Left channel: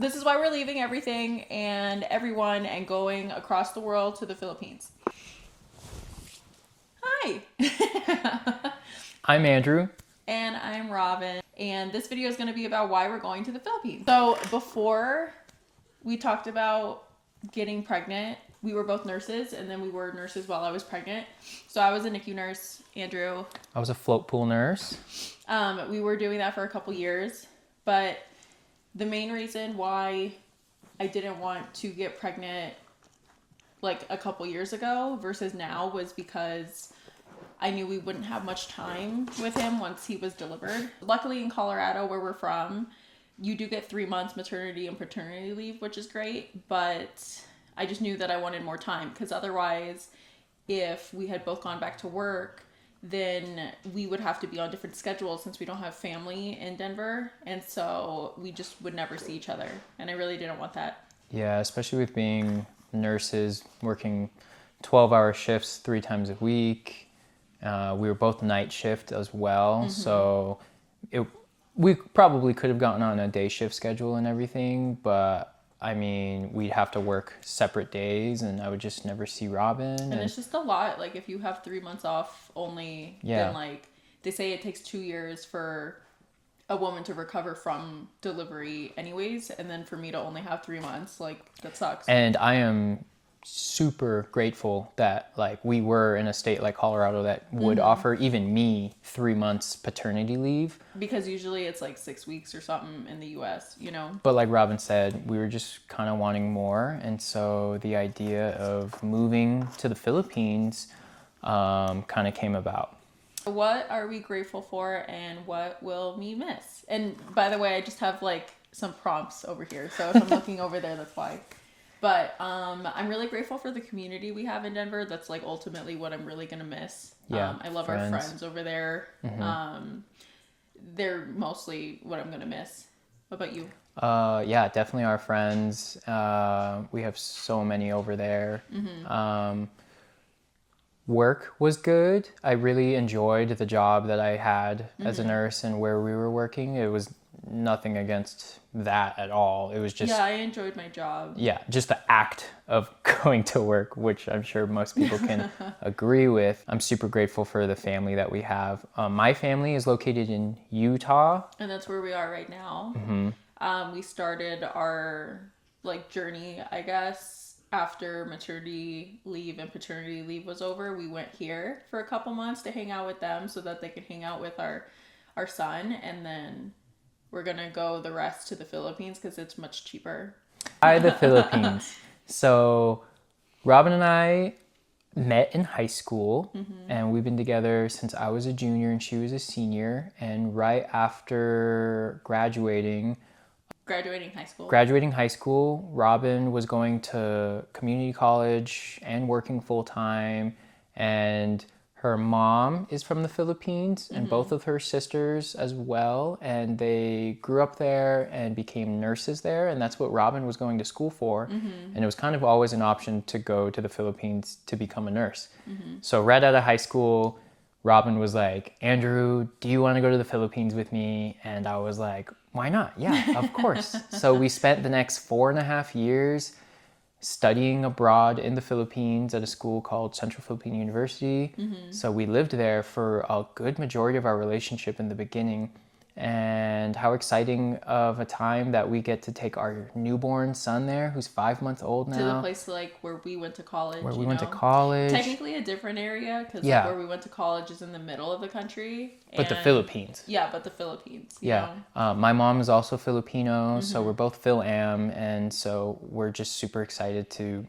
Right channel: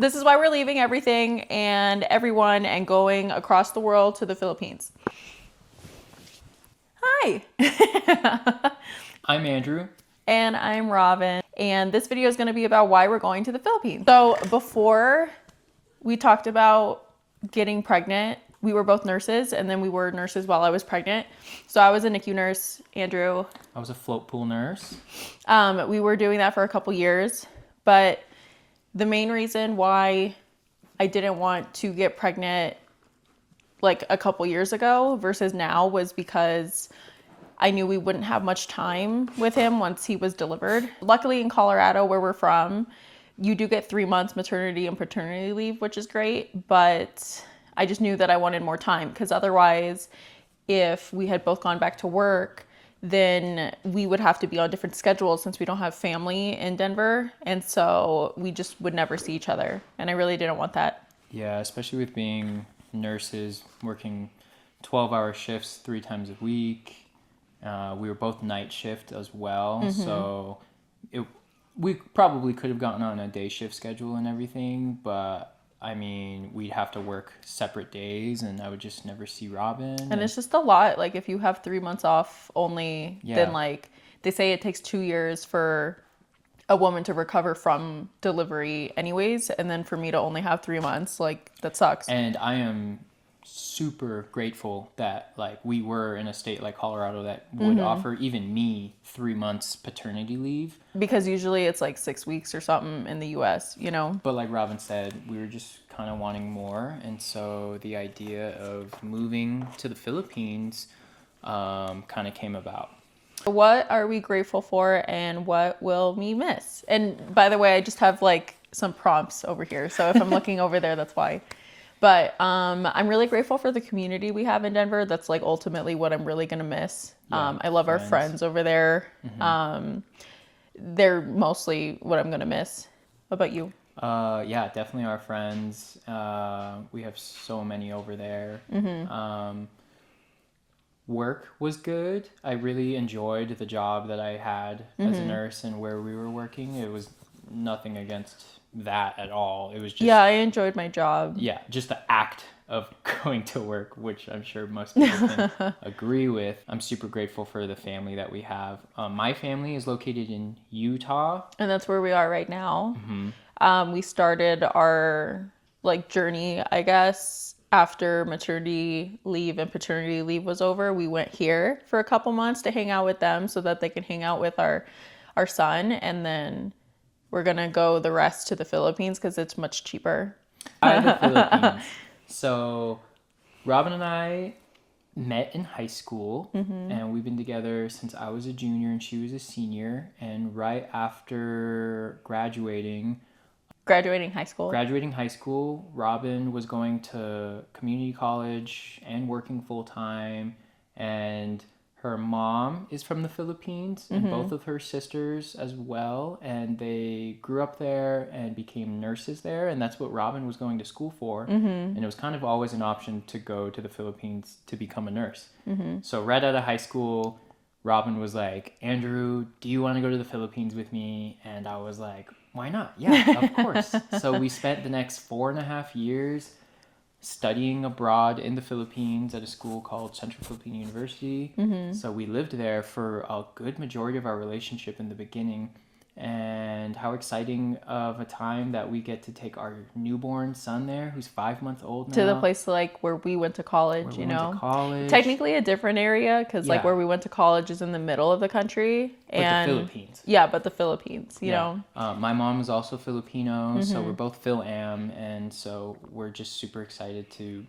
This is why we're leaving everything and everyone and going across the world to the Philippines. Hi. I'm Andrew. And I'm Robin. And this video is going to be about why we're going to the Philippines. So before we talked about getting pregnant, we were both nurses, and then we were nurses while I was pregnant. So I was a NICU nurse, Andrew. I was a float pool nurse. We were doing that for a couple years, but the main reason why I didn't want to get pregnant like a couple years ago versus now was because I knew we wouldn't have much time with him once he was delivered. Luckily in Colorado, where we're from, you do get 3 months maternity and paternity leave, which is great, but I just knew that I wanted more time because otherwise, if we had both gone back to work, then we would have to be on different schedules since we don't have family in Denver. And so we just would never see each other. And I really didn't want that. Yeah, especially with being nurses, working 12-hour shifts 3 times a week. We were both night shift as well. So we probably could have gotten on a day shift schedule and everything, but I mean, we'd have to work separate days and I would just never see Robin. And it's just a lot. Like if you have 3 months off only, then like they say it takes 2 years for a woman to recover from delivery anyways. And then for me to only have 3 months, like that sucks. And I am super grateful that like we were in a state like Colorado that would offer even me 3 months paternity leave. Because usually it's like 6 weeks or something in the US, you know? But like Robin said, we were just kind of wanting more. And so the idea of moving to the Philippines kind of came about. What are we grateful for and what will we miss? And by the way, I just have like some prompts over here. So if I'm looking over there, that's why. But I'm really grateful for the community we have in Denver. That's like ultimately what I'm really going to miss. Yeah, I love our friends over there. They're mostly what I'm going to miss. What about you? Yeah, definitely our friends. We have so many over there. Work was good. I really enjoyed the job that I had as a nurse and where we were working. It was nothing against that at all. It was just... Yeah, I enjoyed my job. Yeah, just the act of going to work, which I'm sure most people can agree with. I'm super grateful for the family that we have. My family is located in Utah. And that's where we are right now. We started our like journey, I guess, after maternity leave and paternity leave was over. We went here for a couple months to hang out with them so that they can hang out with our son. And then we're going to go the rest to the Philippines because it's much cheaper. The Philippines. So Robin and I met in high school and we've been together since I was a junior and she was a senior. And right after graduating high school, Robin was going to community college and working full time. And her mom is from the Philippines and both of her sisters as well. And they grew up there and became nurses there. And that's what Robin was going to school for. And it was kind of always an option to go to the Philippines to become a nurse. So right out of high school, Robin was like, Andrew, do you want to go to the Philippines with me? And I was like, why not? Yeah, of course. So we spent the next 4.5 years studying abroad in the Philippines at a school called Central Philippine University. So we lived there for a good majority of our relationship in the beginning. And how exciting of a time that we get to take our newborn son there, who's 5 months old now. To the place like where we went to college, where we went to college. Technically a different area because like where we went to college is in the middle of the country. But the Philippines. Yeah, but the Philippines, you know. My mom is also Filipino, so we're both Phil-Am, and so we're just super excited to,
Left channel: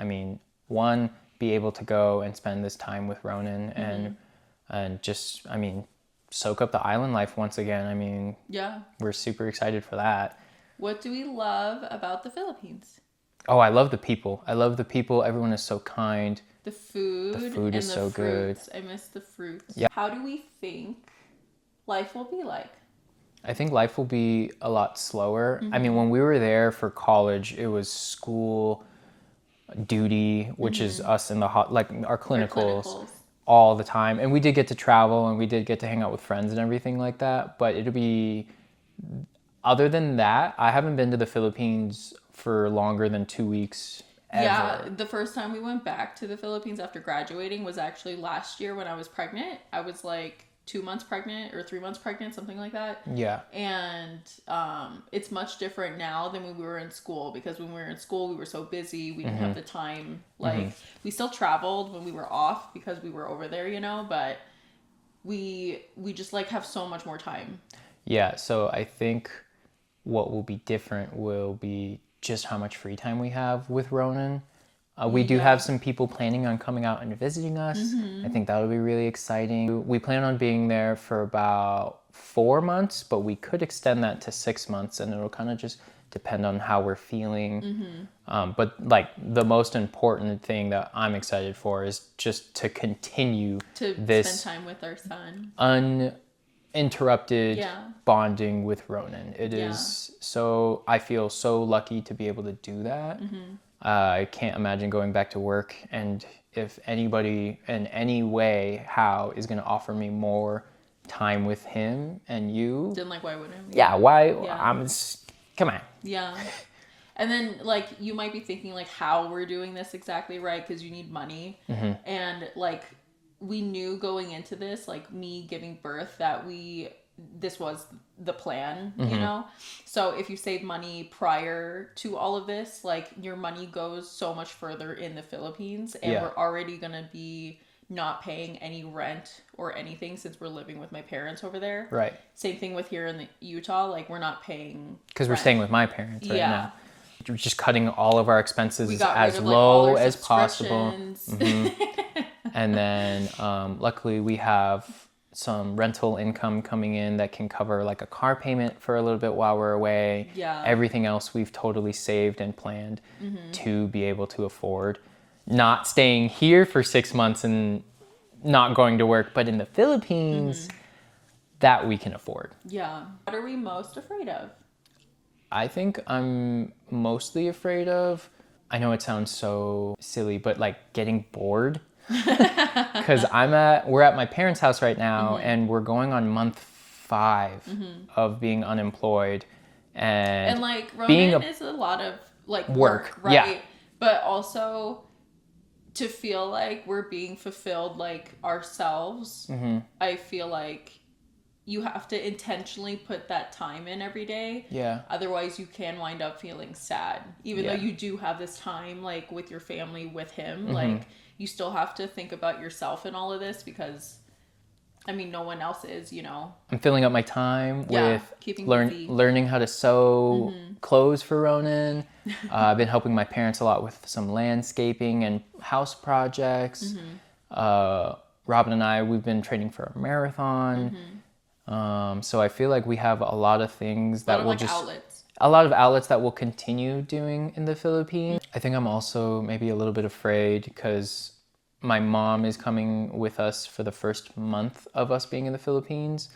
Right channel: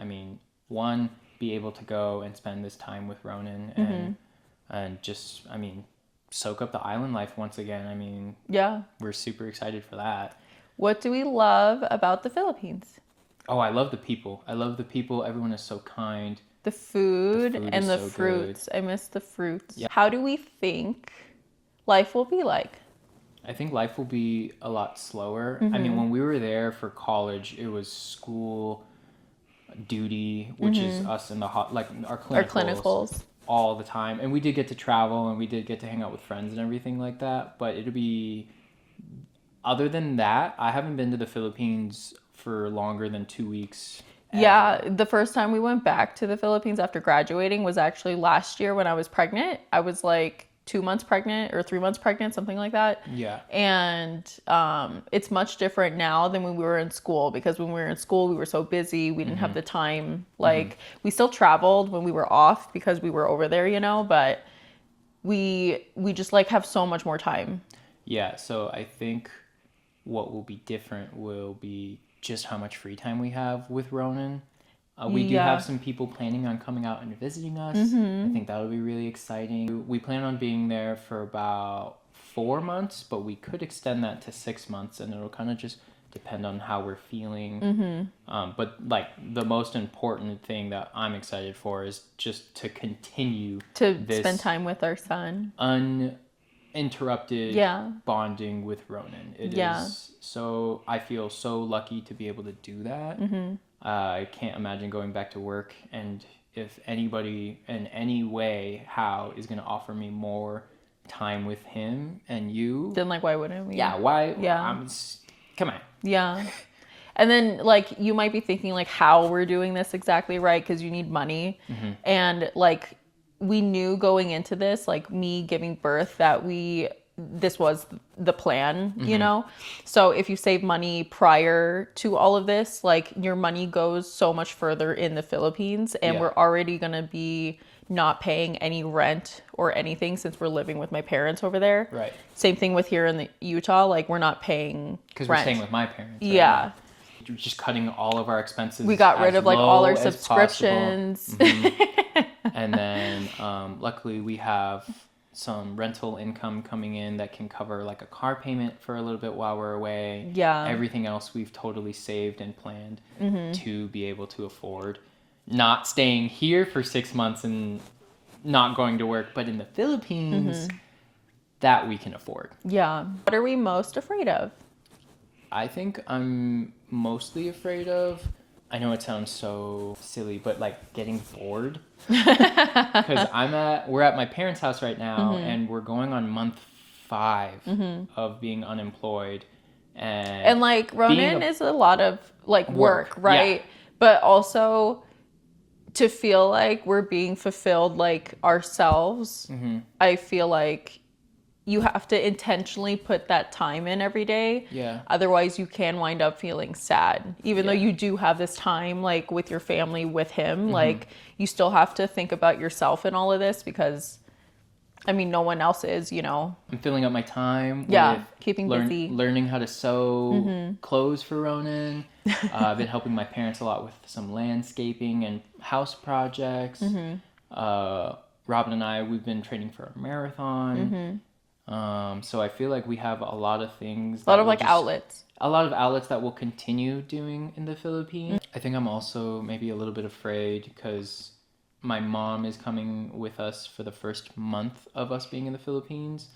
I mean, one, be able to go and spend this time with Ronan and just, I mean, soak up the island life once again. I mean, we're super excited for that. What do we love about the Philippines? Oh, I love the people. Everyone is so kind. The food and the fruits. Good. I miss the fruits. Yeah. How do we think life will be like? I think life will be a lot slower. I mean, when we were there for college, it was school, duty, which is us in the like our clinicals. All the time, and we did get to travel and we did get to hang out with friends and everything like that, but it'll be other than that, I haven't been to the Philippines for longer than 2 weeks. Yeah, the first time we went back to the Philippines after graduating was actually last year when I was pregnant. I was like 2 months pregnant or 3 months pregnant, something like that. Yeah. And it's much different now than when we were in school, because when we were in school, we were so busy. We didn't have the time. Like, we still traveled when we were off because we were over there, you know, but we just like have so much more time. Yeah, so I think what will be different will be just how much free time we have with Ronan. We do Yeah. have some people planning on coming out and visiting us. I think that would be really exciting. We plan on being there for about 4 months, but we could extend that to 6 months, and it'll kind of just depend on how we're feeling. But like the most important thing that I'm excited for is just to continue To this spend time with our son. uninterrupted Yeah. bonding with Ronan. It is Yeah. so, I feel so lucky to be able to do that. I can't imagine going back to work, and if anybody in any way how is going to offer me more time with him and you, Then like, why wouldn't we? yeah, why? Yeah. Come on. Yeah. And then, like, you might be thinking, like, how we're doing this exactly, right? Because you need money. And, like, we knew going into this, like, me giving birth, that this was the plan, you know? So if you save money prior to all of this, like, your money goes so much further in the Philippines. And Yeah. we're already going to be not paying any rent or anything since we're living with my parents over there. Right. Same thing with here in the Utah. Like, we're not paying Because we're rent. staying with my parents. Right Yeah. now. We're just cutting all of our expenses. We got rid as of like all low our as possible. subscriptions. And then luckily we have some rental income coming in that can cover like a car payment for a little bit while we're away. Yeah. Everything else we've totally saved and planned to be able to afford. Not staying here for 6 months and not going to work, but in the Philippines, that we can afford. Yeah. What are we most afraid of? I think I'm mostly afraid of, I know it sounds so silly, but like getting bored. Because we're at my parents' house right now, and we're going on month 5 of being unemployed. And like, being Ronan is a lot of like work, Work, right? But also to feel like we're being fulfilled like ourselves. I feel like you have to intentionally put that time in every day. Yeah. Otherwise you can wind up feeling sad. Even though you do have this time like with your family with him, like you still have to think about yourself in all of this, because I mean, no one else is, you know. I'm filling up my time Yeah, with keeping busy. learning how to sew clothes for Ronan. I've been helping my parents a lot with some landscaping and house projects. Robin and I, we've been training for a marathon. So I feel like we have a lot of things. A lot of like outlets. A lot of outlets that we'll continue doing in the Philippines. I think I'm also maybe a little bit afraid because my mom is coming with us for the first month of us being in the Philippines.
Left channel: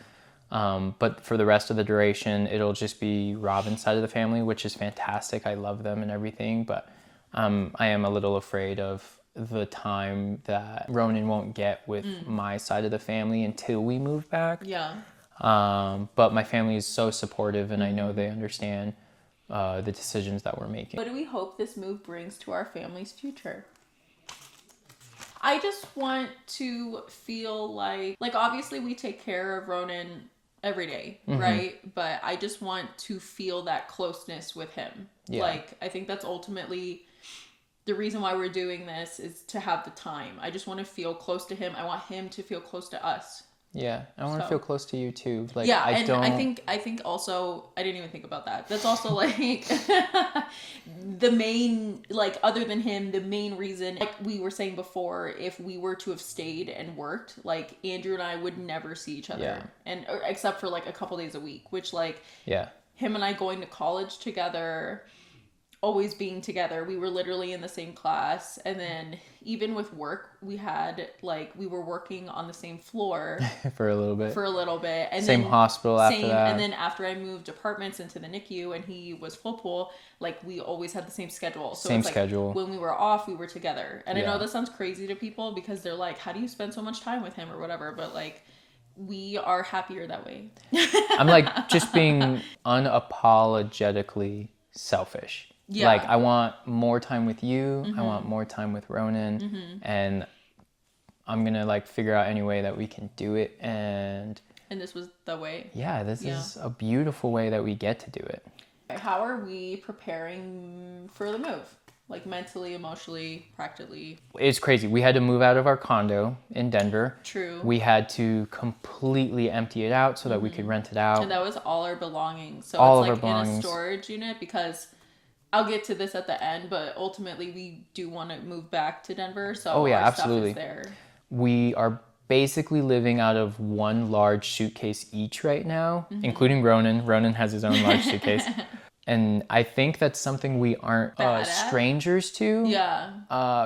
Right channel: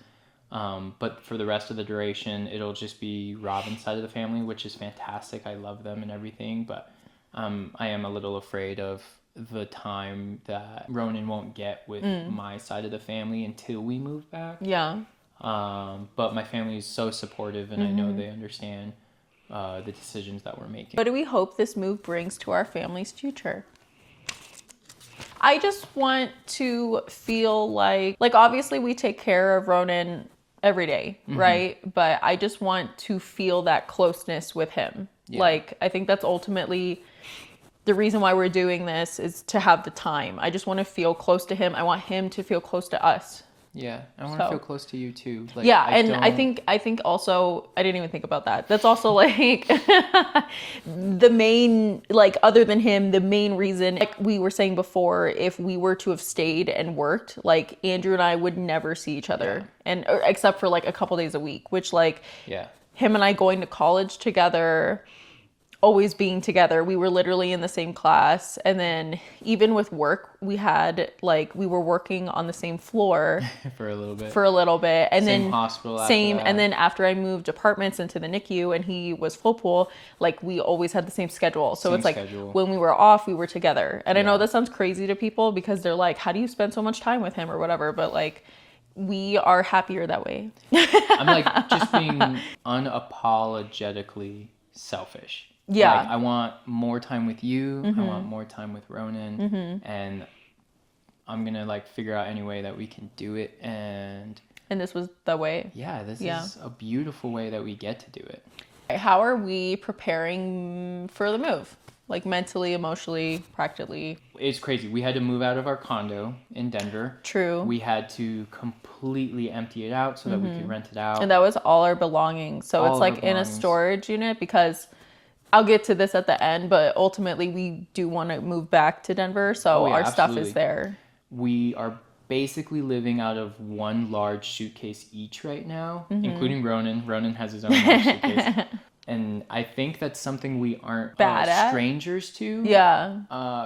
But for the rest of the duration, it'll just be Robin's side of the family, which is fantastic. I love them and everything. But I am a little afraid of the time that Ronan won't get with my side of the family until we move back. Yeah. But my family is so supportive, and I know they understand the decisions that we're making. What do we hope this move brings to our family's future? I just want to feel like obviously we take care of Ronan every day, right? But I just want to feel that closeness with him. Yeah. Like, I think that's ultimately the reason why we're doing this, is to have the time. I just want to feel close to him. I want him to feel close to us. Yeah, I want to So- feel close to you too. Like, Yeah, I don't- think also, I didn't even think about that. That's also like the main, like, other than him, the main reason, like we were saying before, if we were to have stayed and worked, like Andrew and I would never see each other, or except for like a couple days a week, which like Yeah, him and I going to college together, always being together. We were literally in the same class. And then even with work, we were working on the same floor for a little bit. for a little bit. And Same then hospital after that. And then after I moved apartments into the NICU and he was full pool, like we always had the same schedule. So Same it's like schedule. when we were off, we were together. And I know Yeah. that sounds crazy to people because they're like, how do you spend so much time with him or whatever? But like, we are happier that way. I'm like just being unapologetically selfish. Yeah. Like I want more time with you. I want more time with Ronan, and I'm gonna like figure out any way that we can do it. And this was the way. yeah, this is a beautiful way that we get to do it. How are we preparing for the move? Like mentally, emotionally, practically? It's crazy. We had to move out of our condo in Denver. True. We had to completely empty it out so that we could rent it out. And that was all our belongings. So All it's of like our in a belongings. storage unit, because I'll get to this at the end, but ultimately we do want to move back to Denver. So Oh, yeah, our stuff absolutely. is there. We are basically living out of one large suitcase each right now, including Ronan. Ronan has his own large suitcase. And I think that's something we aren't Bad at. strangers to. Yeah.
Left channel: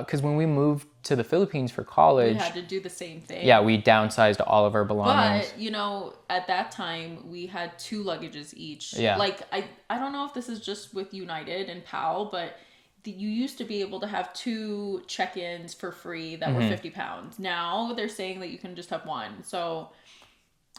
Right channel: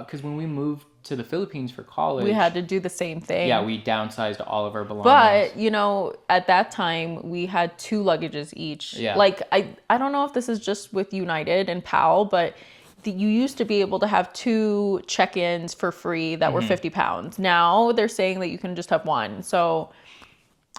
Because when we moved to the Philippines for college, We had to do the same thing. yeah, we downsized all of our belongings. But, you know, at that time, we had 2 luggages each. Yeah. Like, I don't know if this is just with United and PAL, but you used to be able to have 2 check-ins for free that were 50 pounds. Now they're saying that you can just have 1. So,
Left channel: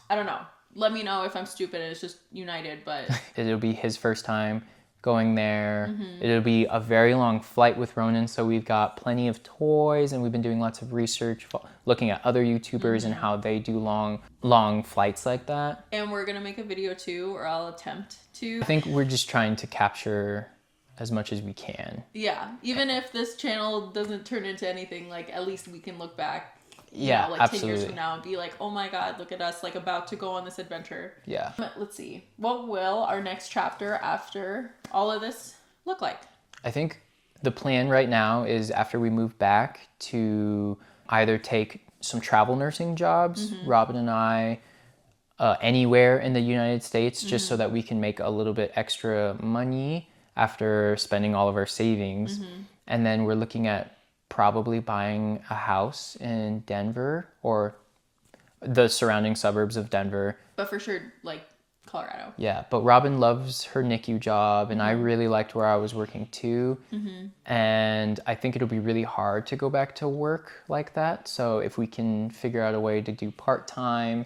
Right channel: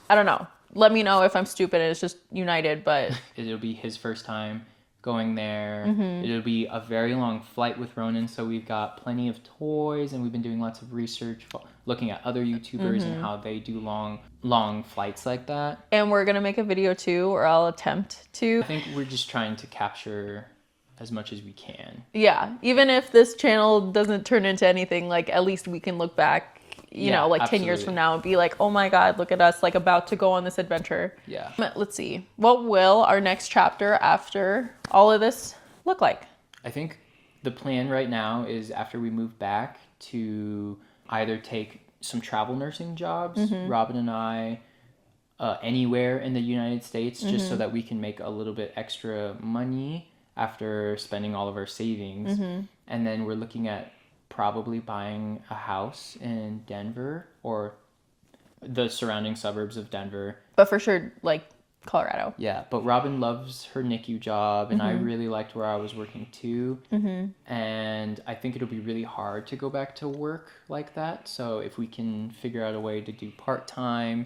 I don't know. Let me know if I'm stupid and it's just United, but... It'll be his first time going there. Mm-hmm. It'll be a very long flight with Ronan, so we've got plenty of toys, and we've been doing lots of research, looking at other YouTubers and Mm-hmm. how they do long flights like that. And we're going to make a video too, or I'll attempt to. I think we're just trying to capture as much as we can. Yeah. Even if this channel doesn't turn into anything, like, at least we can look back, you Yeah, know, like 10 years absolutely. from now and be like, oh my God, look at us, like, about to go on this adventure. Yeah. Let's see. What will our next chapter after all of this look like? I think the plan right now is after we move back to either take some travel nursing jobs, Robin and I, anywhere in the United States, just so that we can make a little bit extra money after spending all of our savings. And then we're looking at probably buying a house in Denver or the surrounding suburbs of Denver. But for sure, like, Colorado. Yeah, but Robin loves her NICU job, and I really liked where I was working too. And I think it'll be really hard to go back to work like that. So if we can figure out a way to do part-time,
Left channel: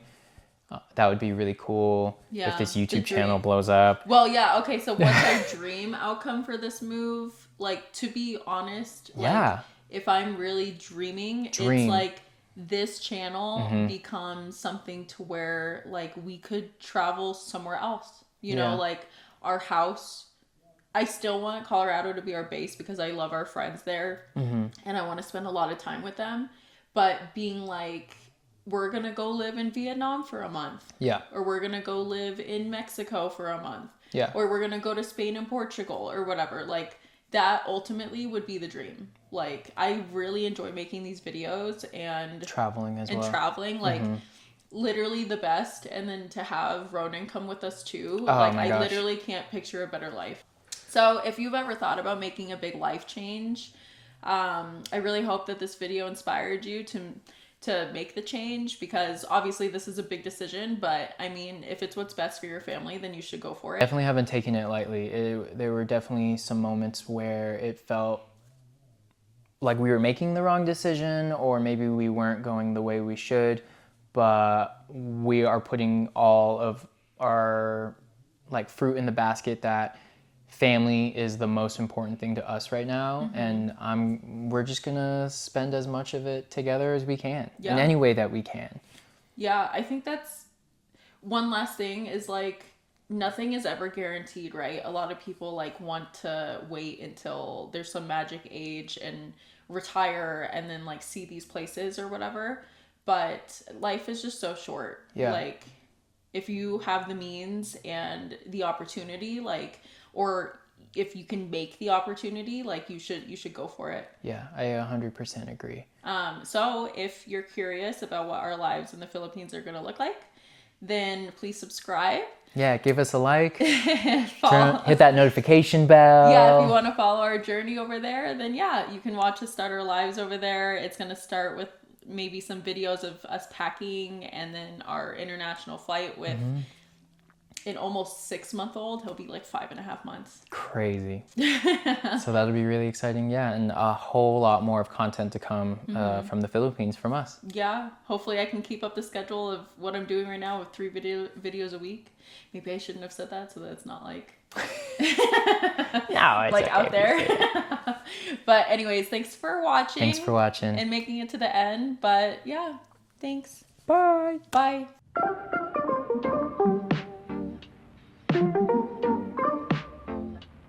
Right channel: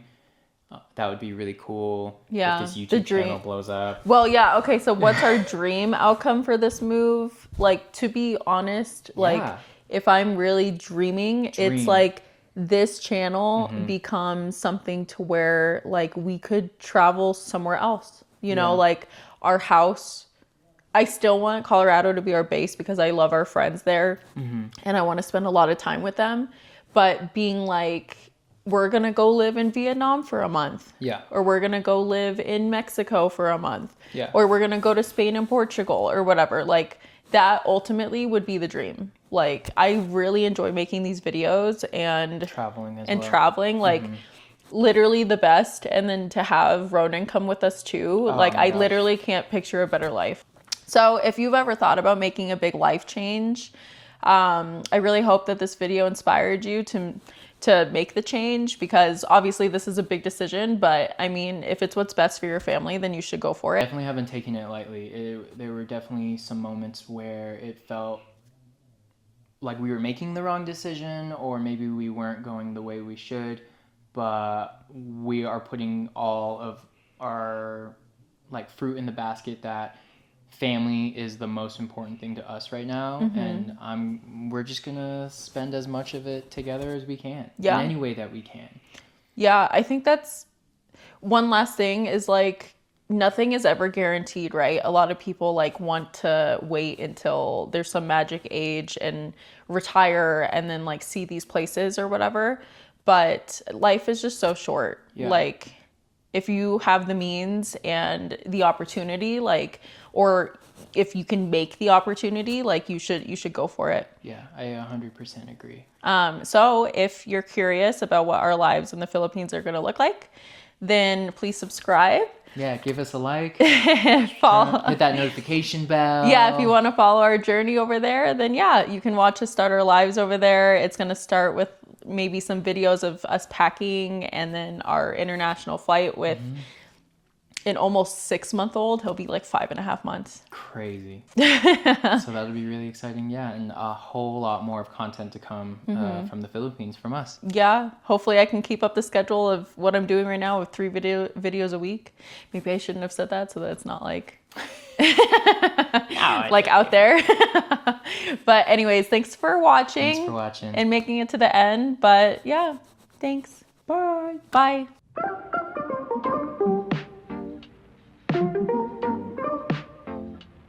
that would be really cool. Yeah, If this the YouTube dream. channel blows up. Well, yeah, okay, so what's our dream outcome for this move? Like, to be honest, like, Yeah. if I'm really dreaming, it's Dream. like this channel becomes something to where, like, we could travel somewhere else. You know, like, our house, I still want Colorado to be our base because I love our friends there and I want to spend a lot of time with them. But being like, we're going to go live in Vietnam for a month. Yeah. Or we're going to go live in Mexico for a month. Yeah. Or we're going to go to Spain and Portugal or whatever. Like, that ultimately would be the dream. Like, I really enjoy making these videos and Traveling as and well. traveling, like, literally the best. And then to have Ronan come with us too. Like, my I gosh. literally can't picture a better life. So if you've ever thought about making a big life change, I really hope that this video inspired you to make the change, because obviously this is a big decision, but I mean, if it's what's best for your family, then you should go for it. Definitely haven't taken it lightly. There were definitely some moments where it felt like we were making the wrong decision, or maybe we weren't going the way we should, but we are putting all of our like fruit in the basket that family is the most important thing to us right now, and we're just gonna spend as much of it together as we can Yeah. in any way that we can. Yeah, I think that's one last thing is, like, nothing is ever guaranteed, right? A lot of people, like, want to wait until there's some magic age and retire and then, like, see these places or whatever. But life is just so short. Yeah. Like, if you have the means and the opportunity, like, or if you can make the opportunity, like, you should go for it. Yeah, I 100% agree. So if you're curious about what our lives in the Philippines are going to look like, then please subscribe. Yeah, give us a like, Follow- hit that notification bell. Yeah, if you want to follow our journey over there, then yeah, you can watch us start our lives over there. It's going to start with maybe some videos of us packing and then our international flight with an almost 6-month-old. He'll be like 5.5 months. Crazy. So that'll be really exciting. Yeah, and a whole lot more of content to come from the Philippines from us. Yeah, hopefully I can keep up the schedule of what I'm doing right now with 3 videos a week. Maybe I shouldn't have said that so that it's not like like out there. But anyways, thanks for watching. Thanks for watching. And making it to the end. But yeah, thanks. Bye. Bye.